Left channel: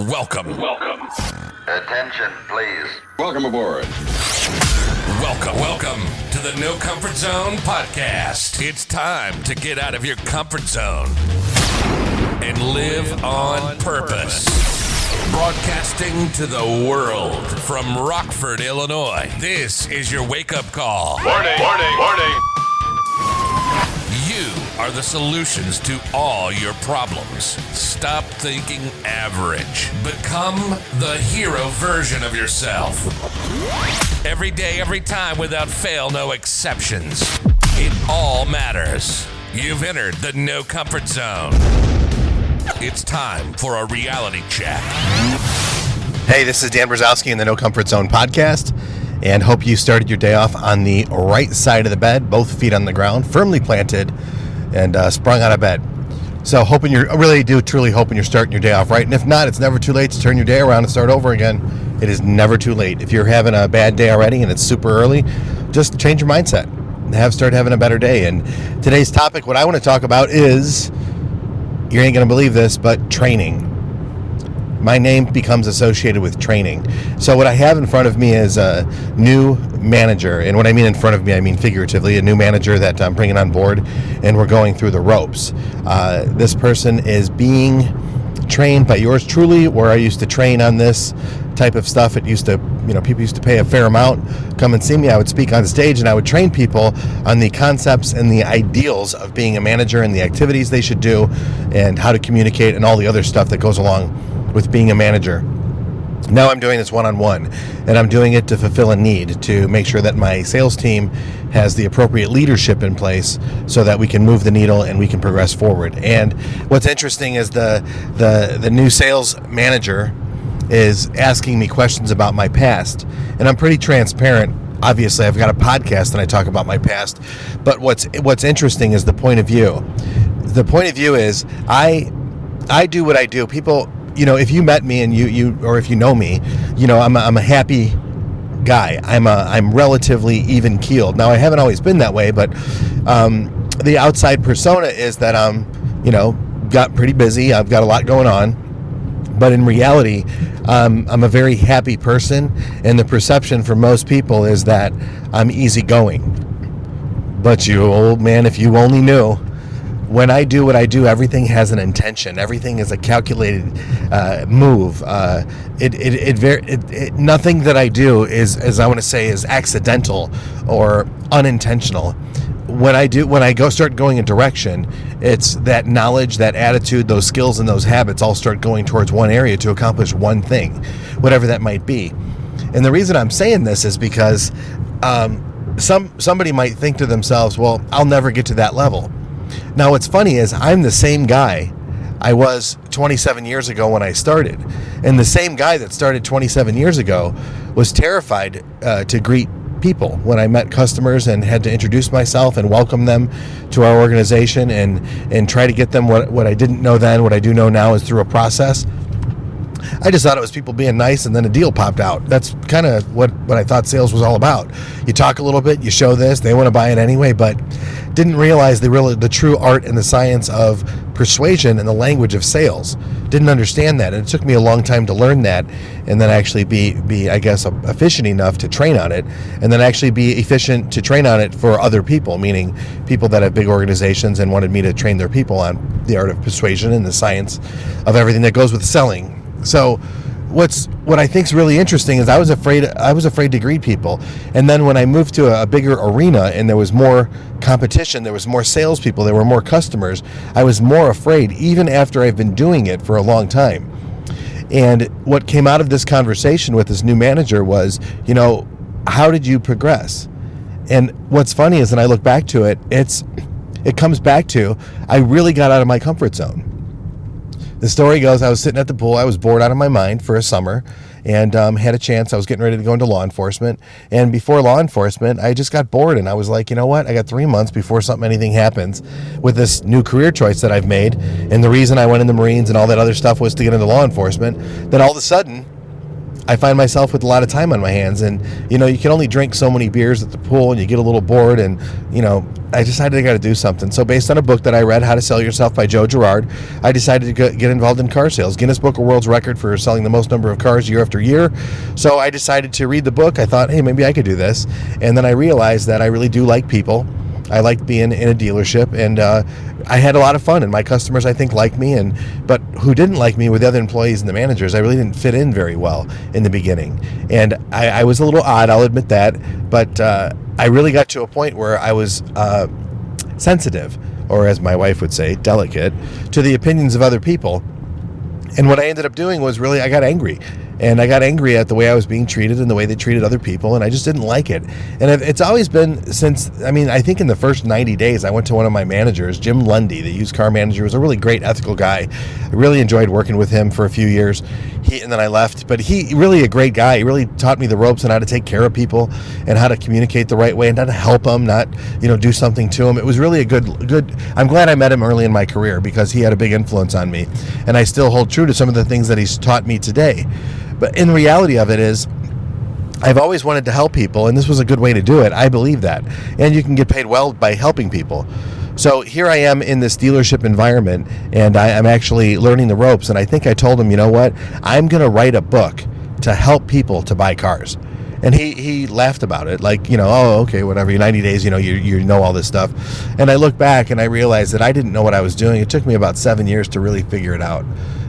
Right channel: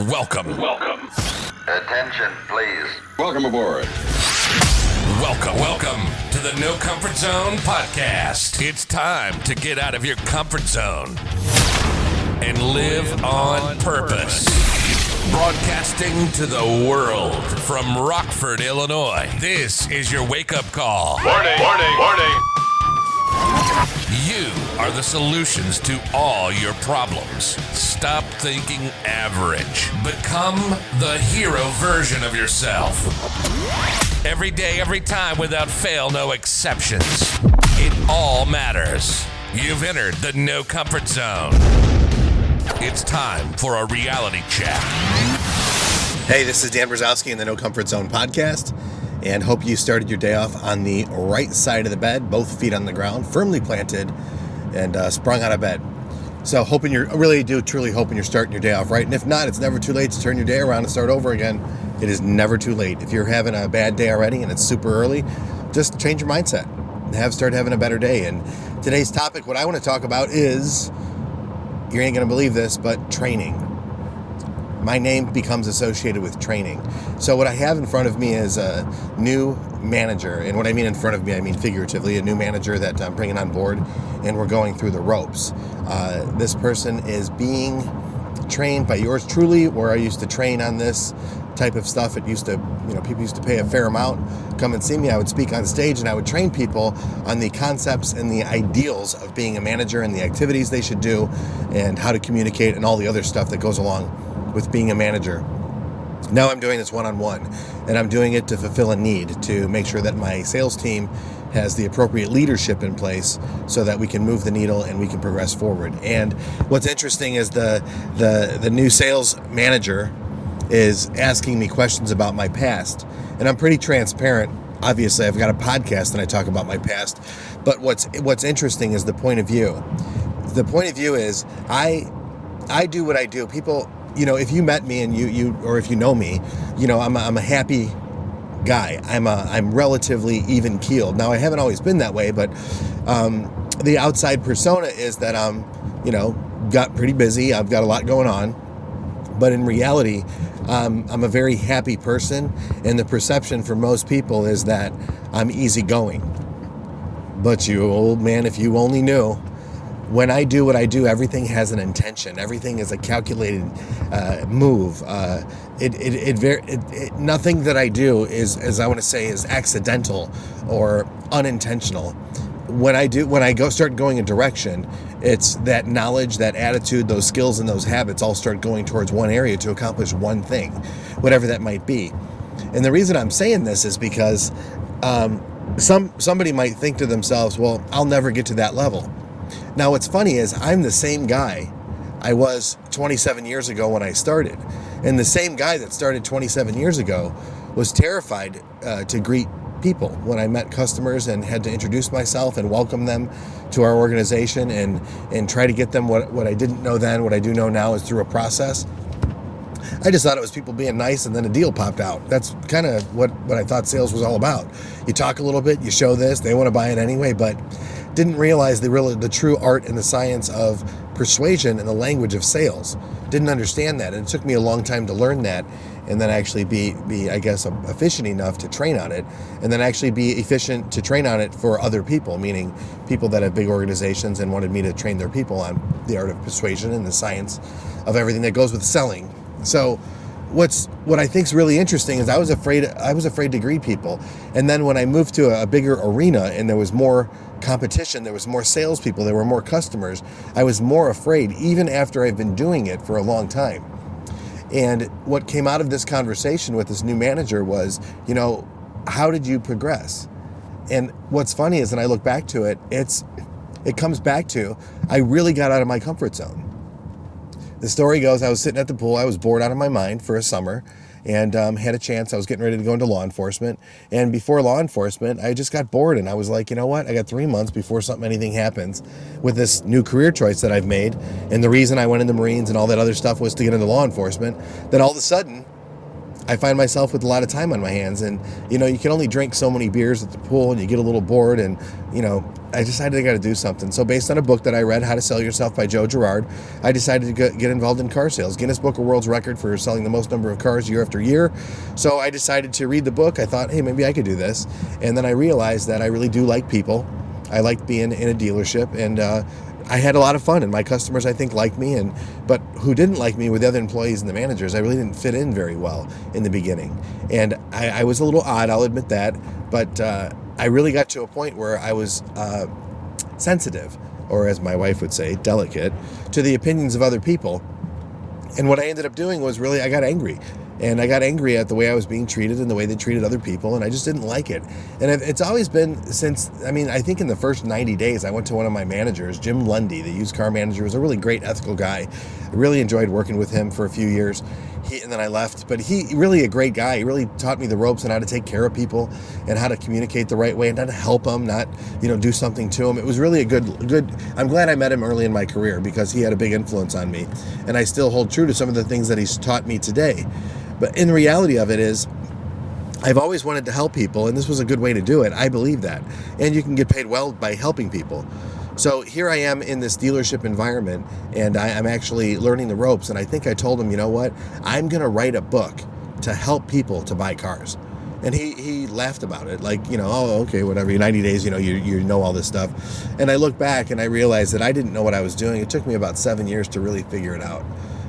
Welcome. Attention, please. Welcome aboard. Welcome to the No Comfort Zone podcast. It's time to get out of your comfort zone and live on purpose. Broadcasting to the world from Rockford, Illinois. This is your wake-up call. Warning. You are the solutions to all your problems. Stop thinking average. Become the hero version of yourself. Every day, every time, without fail, no exceptions. It all matters. You've entered the No Comfort Zone. It's time for a reality check. Hey, this is Dan Brzezowski in the No Comfort Zone podcast, and hope you started your day off on the right side of the bed, both feet on the ground, firmly planted, and sprung out of bed. So truly hoping you're starting your day off right. And if not, it's never too late to turn your day around and start over again. It is never too late. If you're having a bad day already and it's super early, just change your mindset and start having a better day. And today's topic, what I want to talk about is, you ain't going to believe this, but training. My name becomes associated with training. So what I have in front of me is a new manager. And what I mean in front of me, I mean figuratively, a new manager that I'm bringing on board, and we're going through the ropes. This person is being trained by yours truly, where I used to train on this type of stuff. It used to, people used to pay a fair amount, come and see me. I would speak on stage and I would train people on the concepts and the ideals of being a manager and the activities they should do and how to communicate and all the other stuff that goes along with being a manager. Now I'm doing this one-on-one, and I'm doing it to fulfill a need, to make sure that my sales team has the appropriate leadership in place so that we can move the needle and we can progress forward. And what's interesting is the new sales manager is asking me questions about my past, and I'm pretty transparent. Obviously, I've got a podcast and I talk about my past, but what's interesting is the point of view. The point of view is I do what I do. People, if you met me and you or if you know me, I'm a happy guy. I'm relatively even keeled. Now, I haven't always been that way, but the outside persona is that I'm got pretty busy. I've got a lot going on, but in reality, I'm a very happy person, and the perception for most people is that I'm easygoing. But you old man, if you only knew. When I do what I do, everything has an intention. Everything is a calculated move. Nothing that I do is I want to say is accidental or unintentional. When I start going a direction, it's that knowledge, that attitude, those skills, and those habits all start going towards one area to accomplish one thing, whatever that might be. And the reason I'm saying this is because somebody might think to themselves, well, I'll never get to that level. Now, what's funny is I'm the same guy I was 27 years ago when I started. And the same guy that started 27 years ago was terrified to greet people when I met customers and had to introduce myself and welcome them to our organization and try to get them what I didn't know then, what I do know now is through a process. I just thought it was people being nice, and then a deal popped out. That's kind of what I thought sales was all about. You talk a little bit, you show this, they want to buy it anyway, but didn't realize the true art and the science of persuasion and the language of sales. Didn't understand that, and it took me a long time to learn that, and then actually be I guess, efficient enough to train on it, and then actually be efficient to train on it for other people, meaning people that have big organizations and wanted me to train their people on the art of persuasion and the science of everything that goes with selling. So what I think is really interesting is I was afraid to greet people. And then when I moved to a bigger arena and there was more competition, there was more salespeople, there were more customers, I was more afraid, even after I've been doing it for a long time. And what came out of this conversation with this new manager was, how did you progress? And what's funny is, when I look back to it, it comes back to, I really got out of my comfort zone. The story goes, I was sitting at the pool. I was bored out of my mind for a summer and had a chance. I was getting ready to go into law enforcement. And before law enforcement, I just got bored. And I was like, you know what? I got 3 months before anything happens with this new career choice that I've made. And the reason I went in the Marines and all that other stuff was to get into law enforcement. Then all of a sudden, I find myself with a lot of time on my hands, and you can only drink so many beers at the pool, and you get a little bored, and I decided I got to do something. So based on a book that I read, How to Sell Yourself by Joe Girard, I decided to get involved in car sales. Guinness Book of World Records for selling the most number of cars year after year. So I decided to read the book. I thought, hey, maybe I could do this. And then I realized that I really do like people. I liked being in a dealership, and I had a lot of fun, and my customers, I think, liked me, but who didn't like me were the other employees and the managers. I really didn't fit in very well in the beginning, and I was a little odd, I'll admit that, but I really got to a point where I was sensitive, or as my wife would say, delicate, to the opinions of other people. And what I ended up doing was really, I got angry. And I got angry at the way I was being treated and the way they treated other people, and I just didn't like it. And it's always been since, I think in the first 90 days, I went to one of my managers, Jim Lundy, the used car manager, was a really great, ethical guy. I really enjoyed working with him for a few years, and then I left. But he really a great guy. He really taught me the ropes on how to take care of people and how to communicate the right way and how to help them, not do something to them. It was really a good. I'm glad I met him early in my career because he had a big influence on me, and I still hold true to some of the things that he's taught me today. But in the reality of it is, I've always wanted to help people, and this was a good way to do it. I believe that. And you can get paid well by helping people. So here I am in this dealership environment, and I'm actually learning the ropes. And I think I told him, you know what? I'm going to write a book to help people to buy cars. And he laughed about it, like, oh, okay, whatever, 90 days, you know all this stuff. And I look back and I realized that I didn't know what I was doing. It took me about 7 years to really figure it out,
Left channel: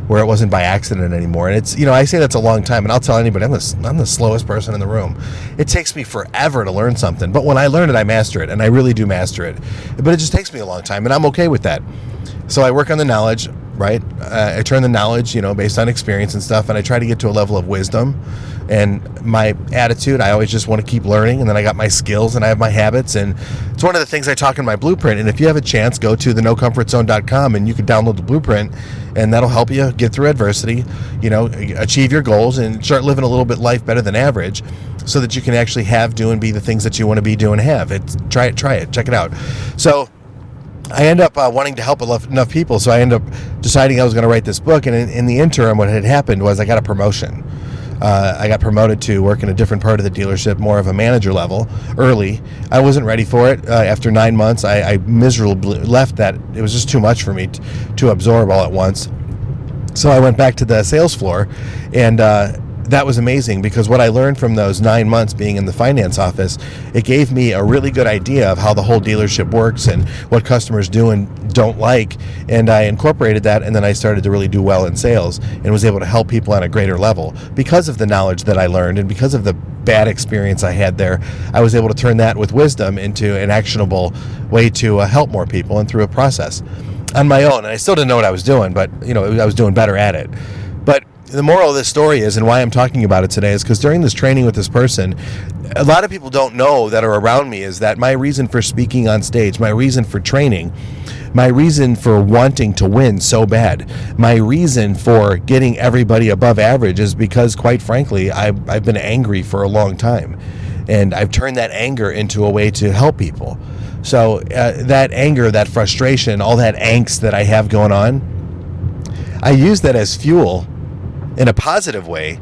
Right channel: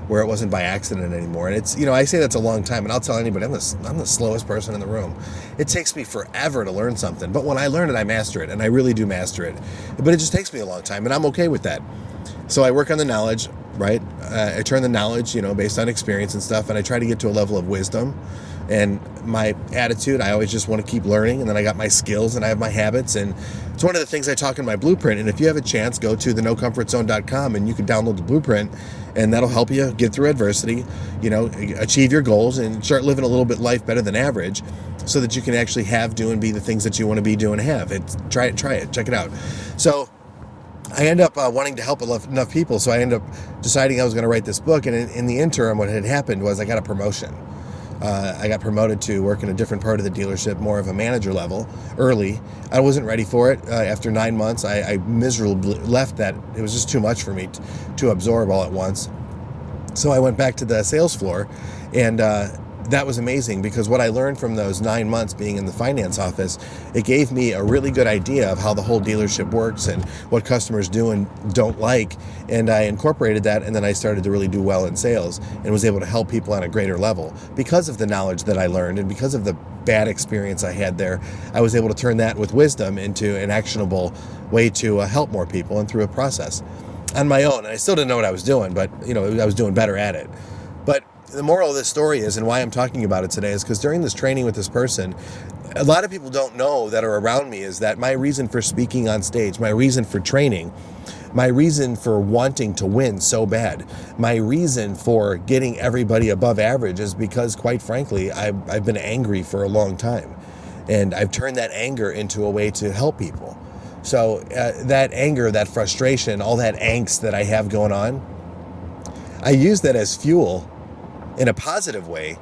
where it wasn't by accident anymore. And it's, I say that's a long time, and I'll tell anybody, I'm the slowest person in the room. It takes me forever to learn something, but when I learn it, I master it, and I really do master it. But it just takes me a long time, and I'm okay with that. So I work on the knowledge, right? I turn the knowledge, based on experience and stuff, and I try to get to a level of wisdom. And my attitude, I always just want to keep learning, and then I got my skills and I have my habits, and it's one of the things I talk in my blueprint. And if you have a chance, go to thenocomfortzone.com and you can download the blueprint, and that'll help you get through adversity, achieve your goals and start living a little bit life better than average, so that you can actually do and be the things that you want to be, do, and have. Try it, check it out. So I end up wanting to help enough people, so I end up deciding I was going to write this book, and in the interim, what had happened was I got a promotion. I got promoted to work in a different part of the dealership, more of a manager level, early. I wasn't ready for it. After 9 months, I miserably left that. It was just too much for me to absorb all at once. So I went back to the sales floor, and that was amazing, because what I learned from those 9 months being in the finance office, it gave me a really good idea of how the whole dealership works and what customers do and don't like. And I incorporated that, and then I started to really do well in sales and was able to help people on a greater level. Because of the knowledge that I learned and because of the bad experience I had there, I was able to turn that with wisdom into an actionable way to help more people and through a process on my own. And I still didn't know what I was doing, but I was doing better at it. But the moral of this story is, and why I'm talking about it today, is because during this training with this person, a lot of people don't know that are around me, is that my reason for speaking on stage, my reason for training, my reason for wanting to win so bad, my reason for getting everybody above average is because, quite frankly, I've been angry for a long time. And I've turned that anger into a way to help people. So that anger, that frustration, all that angst that I have going on, I use that as fuel in a positive way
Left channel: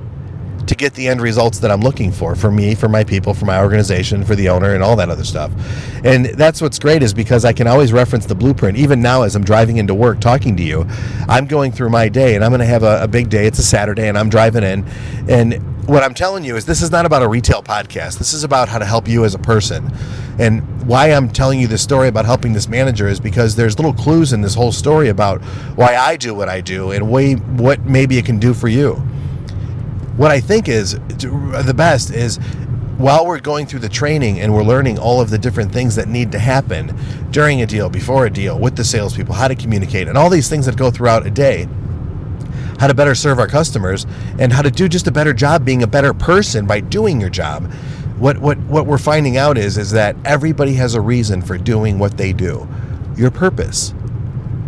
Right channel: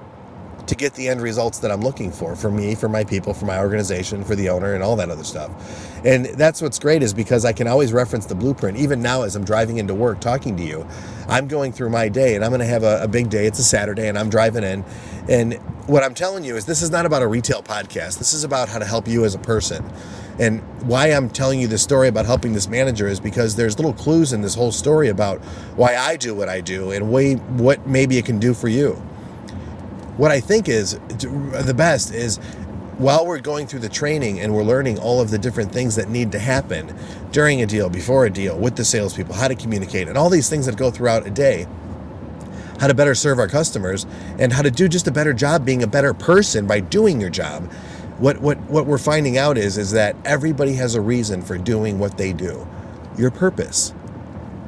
to get the end results that I'm looking for me, for my people, for my organization, for the owner, and all that other stuff. And that's what's great, is because I can always reference the blueprint. Even now, as I'm driving into work talking to you, I'm going through my day, and I'm going to have a big day. It's a Saturday, and I'm driving in. And what I'm telling you is, this is not about a retail podcast. This is about how to help you as a person. And why I'm telling you this story about helping this manager is because there's little clues in this whole story about why I do what I do and what maybe it can do for you. What I think is the best is, while we're going through the training and we're learning all of the different things that need to happen during a deal, before a deal, with the salespeople, how to communicate, and all these things that go throughout a day, how to better serve our customers, and how to do just a better job being a better person by doing your job. What we're finding out is that everybody has a reason for doing what they do. Your purpose.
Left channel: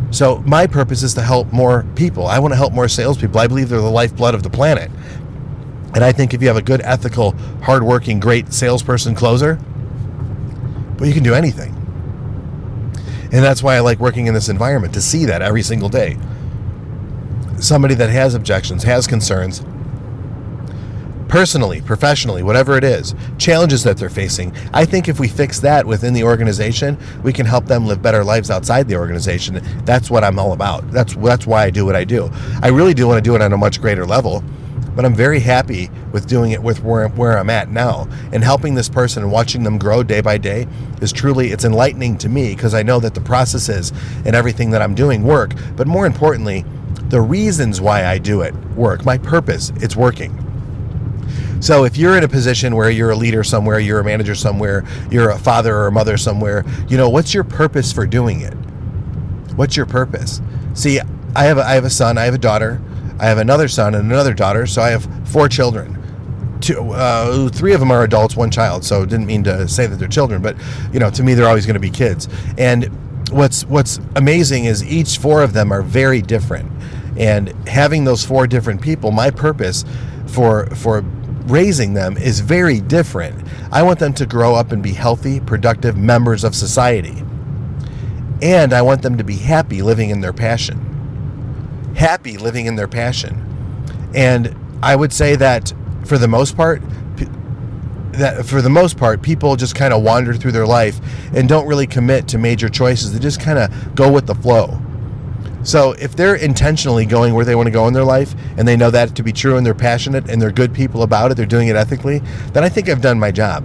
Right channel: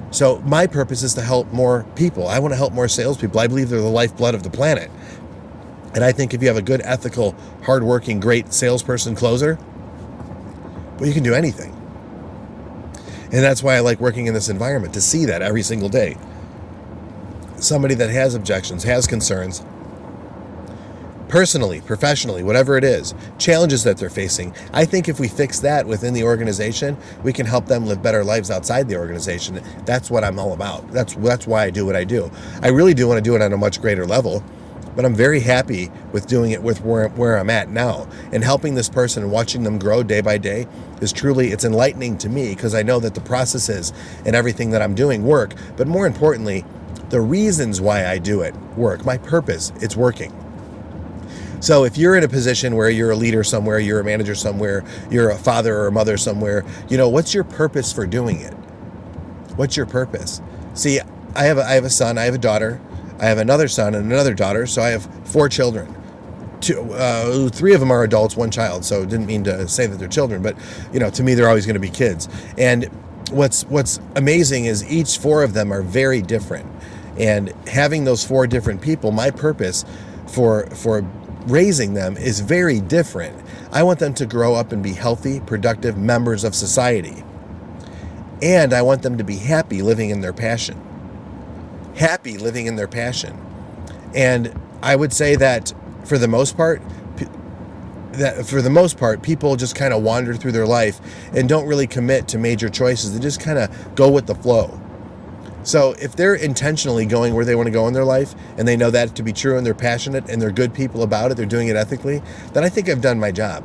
So my purpose is to help more people. I want to help more salespeople. I believe they're the lifeblood of the planet. And I think if you have a good, ethical, hardworking, great salesperson closer, well, you can do anything. And that's why I like working in this environment, to see that every single day. Somebody that has objections, has concerns, personally, professionally, whatever it is, challenges that they're facing. I think if we fix that within the organization, we can help them live better lives outside the organization. That's what I'm all about. That's why I do what I do. I really do want to do it on a much greater level, but I'm very happy with doing it with where I'm at now, and helping this person and watching them grow day by day is truly, it's enlightening to me, because I know that the processes and everything that I'm doing work, but more importantly, the reasons why I do it work. My purpose, it's working. So if you're in a position where you're a leader somewhere, you're a manager somewhere, you're a father or a mother somewhere, what's your purpose for doing it? What's your purpose? See, I have a son, I have a daughter, I have another son and another daughter, so I have 4 children. 3 of them are adults, 1 child, so didn't mean to say that they're children, but to me they're always going to be kids. And what's amazing is each 4 of them are very different. And having those 4 different people, my purpose for raising them is very different. I want them to grow up and be healthy, productive members of society. And I want them to be happy living in their passion. Happy living in their passion. And I would say that for the most part, people just kind of wander through their life and don't really commit to major choices. They just kind of go with the flow. So if they're intentionally going where they want to go in their life, and they know that to be true, and they're passionate and they're good people about it, they're doing it ethically, then I think I've done my job.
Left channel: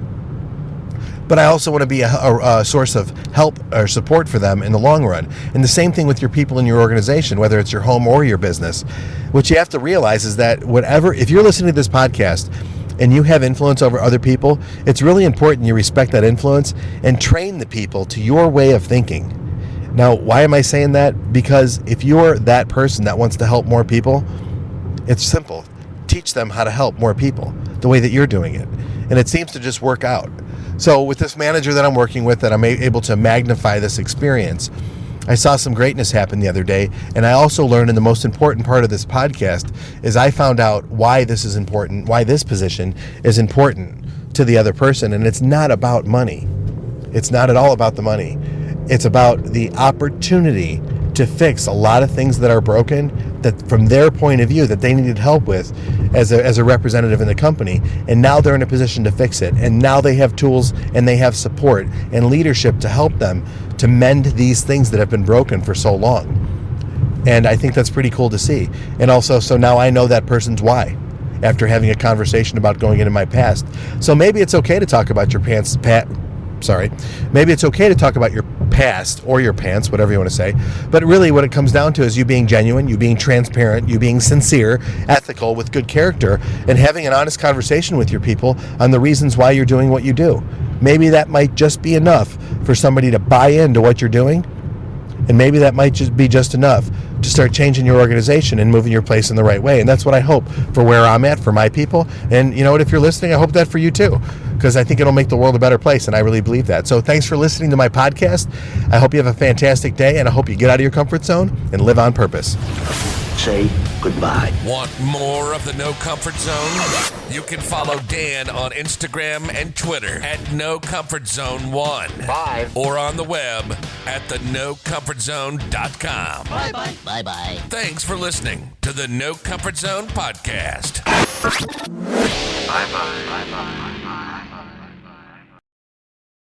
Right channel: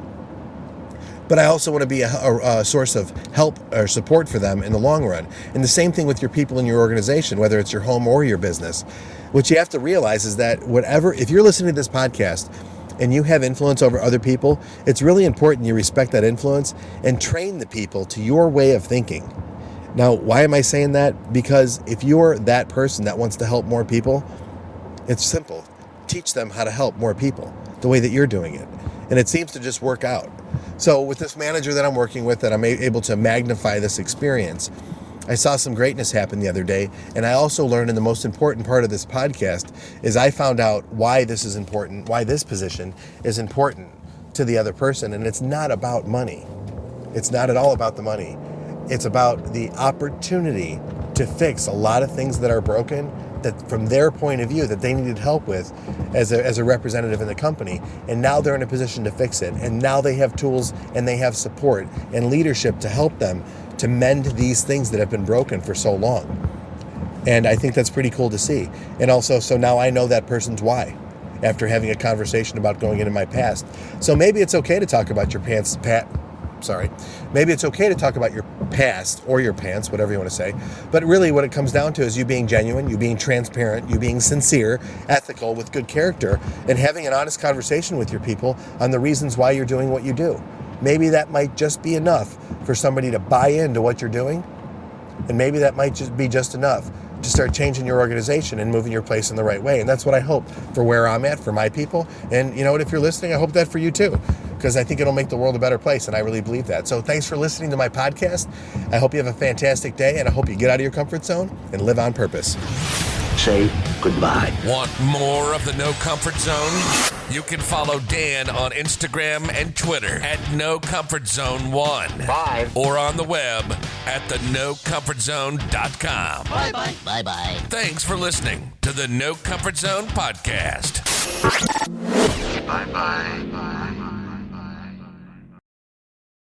But I also want to be a source of help or support for them in the long run. And the same thing with your people in your organization, whether it's your home or your business. What you have to realize is that if you're listening to this podcast and you have influence over other people, it's really important you respect that influence and train the people to your way of thinking. Now, why am I saying that? Because if you're that person that wants to help more people, it's simple. Teach them how to help more people the way that you're doing it. And it seems to just work out. So with this manager that I'm working with, that I'm able to magnify this experience, I saw some greatness happen the other day. And I also learned, in the most important part of this podcast, is I found out why this is important, why this position is important to the other person. And it's not about money. It's not at all about the money. It's about the opportunity to fix a lot of things that are broken, that from their point of view that they needed help with as a representative in the company. And now they're in a position to fix it. And now they have tools and they have support and leadership to help them to mend these things that have been broken for so long. And I think that's pretty cool to see. And also, so now I know that person's why, after having a conversation about going into my past. So maybe it's okay to talk about your maybe it's okay to talk about your past or your pants, whatever you want to say. But really what it comes down to is you being genuine, you being transparent, you being sincere, ethical, with good character, and having an honest conversation with your people on the reasons why you're doing what you do. Maybe that might just be enough for somebody to buy into what you're doing. And maybe that might just be just enough to start changing your organization and moving your place in the right way. And that's what I hope for where I'm at, for my people. And you know what, if you're listening, I hope that for you too, because I think it'll make the world a better place. And I really believe that. So thanks for listening to my podcast. I hope you have a fantastic day, and I hope you get out of your comfort zone and live on purpose. Say goodbye. Want more of the No Comfort Zone? You can follow Dan on Instagram and Twitter at NoComfortZone1. Bye. Or on the web at thenocomfortzone.com. Bye-bye. Bye-bye. Thanks for listening to the No Comfort Zone podcast. Bye-bye. Bye-bye.